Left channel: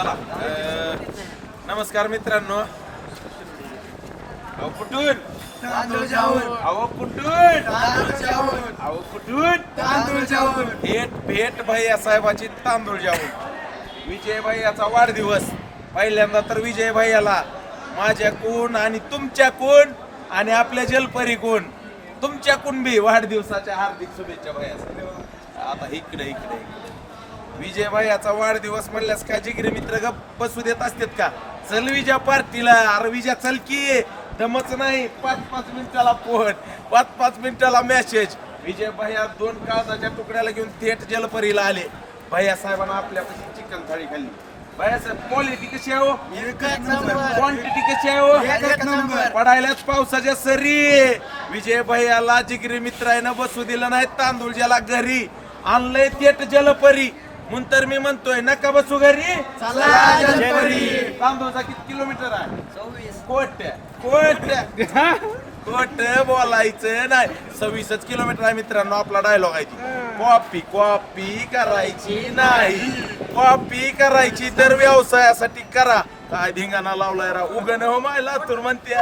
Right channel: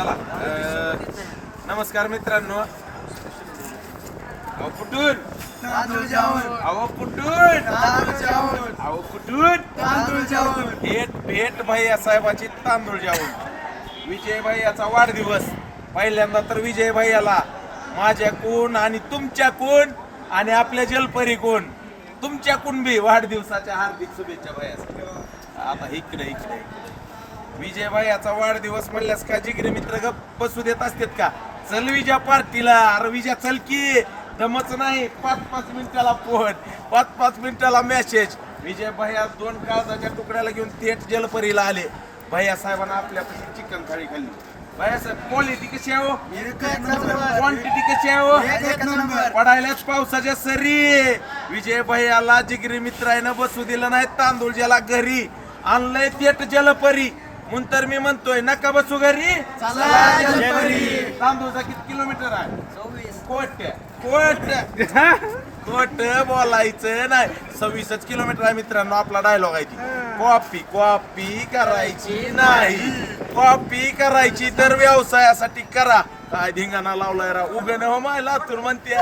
चला नमस्कार मित्रांनो. अहो कुठून अहो कुठून अहो कुठून भेट भेट भैया साहेबाची तांदूळ जाऊन विजय भैयाचा वाढदिवस. पहिल्यांदा तर विजय भैयाला माझ्याकून आणि तुमच्याकून आणि आपल्या जलपरीकून तुमच्याकून बी वाढदिवसाच्या हार्दिक शुभेच्छा भैया. आता इकडे इकडे विजय भैयाचा वाढदिवस म्हणल्यास का जिगरी मित्र गप्प बसू देत असतात का? चल विजय पार्टीला. अरे विजय चल की, दमच नाही. 5-5 मिनिटाला फोन, 5-5 मिनिटाला मेसेज. विजय भैया 2 कागदाच्या तुकड्याला घेऊन थेट जलपरीला आले. भैया साहेबांना आपल्यापाशी चिकन थाळी खाल्ली. भैया साहेब क्वालिटी कशी आहे हो? क्वांटिटी कशी आहे हो? पडायलाच पावसाच्या सरी. विजय भैयाला जिगरी मित्रानं बसू दिलं नाही. तांदूळ ज्याला घरी आणलंय थेट जलपरी. म्हणून तर मी म्हणतोय नका बसू घरी, तांदूळचा किती किलोमीटर आहे? 24. खोट बोलायचं नाही. 26 किलोमीटर आहे मित्रांनो. आपला डायलॉग आहे ती. कॉपी करायची नाही. कॉपी करायची तर व्यवसायासाठी करा. काय धिंगाणा लावलाय राव. उगण हो मायला तर म्हणते